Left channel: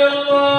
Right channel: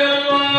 Allah.